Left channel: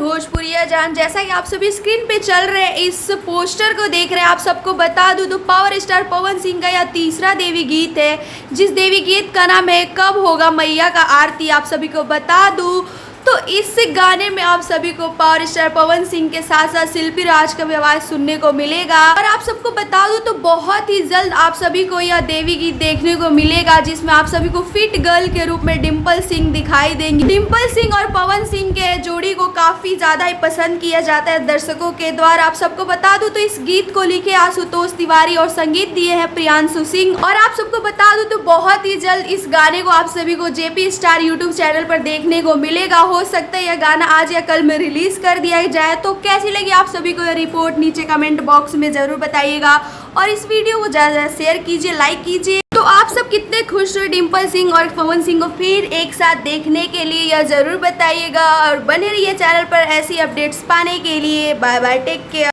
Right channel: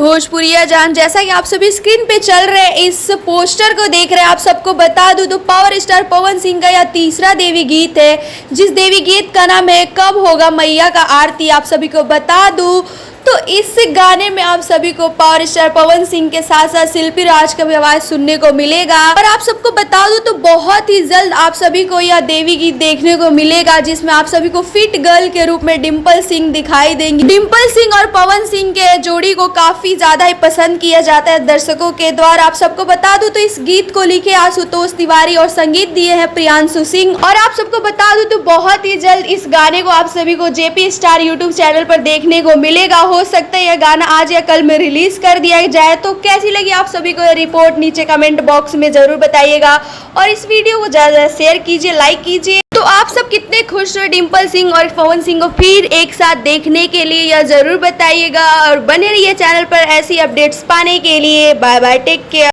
भोजपुरिया जान, जैसा कि आप सभी स्क्रीन पे चल रहे हैं इस पोस्टर को देख रहे हैं, आप सबको बता दूं तो पावर स्टार पवन सिंह का यह तीसरा देवी गीत है, जिस देवी गीत का नाम है कब होगा मैया का आरती। आप सभी को बता दूं तो इस गाने में आप सभी को पावर स्टार पवन सिंह के साथ साथ शिल्पी राज का भी आवाज सुनने को मिलेगा। और आप सबको बता दूं तो बहुत ही जल्द आप सभी को यह देवी गीत देखने को मिलेगा, जिसमें आप सभी को फिट गर्ल के रूप में डिम्पल सिंह दिखाई देंगी। डिम्पल सिंह और पवन सिंह के जोड़ी को काफी ज्यादा ही पसंद किया जाता है दर्शकों के द्वारा। आप सबको बता दूं तो इस गीत को लिखे आशुतोष तिवारी और संगीत दिए हैं प्रियांशु सिंह। और आप सबको बता दूं तो बहुत ही जल्द इस गाने को आप सभी को जेपी स्टार यूट्यूब चैनल पर देखने को मिलेगा। हो सकता है यह गाना आज या कल में रिलीज कर दिया जाए। तो कैसी लगी आप सभी को यह रिपोर्ट नीचे कमेंट बॉक्स में जरूर बताइएगा, और इस वीडियो को ज्यादा शेयर कीजिए, लाइक कीजिए। तो आप सब कितने खुश हुए डिम्पल सिंह और पवन सिंह को फिर एक साथ देखने के लिए, यह जरूर बताइएगा, और बने रहिए चैनल पर ऐसी अपडेट्स पाने के लिए। Bye bye, take care.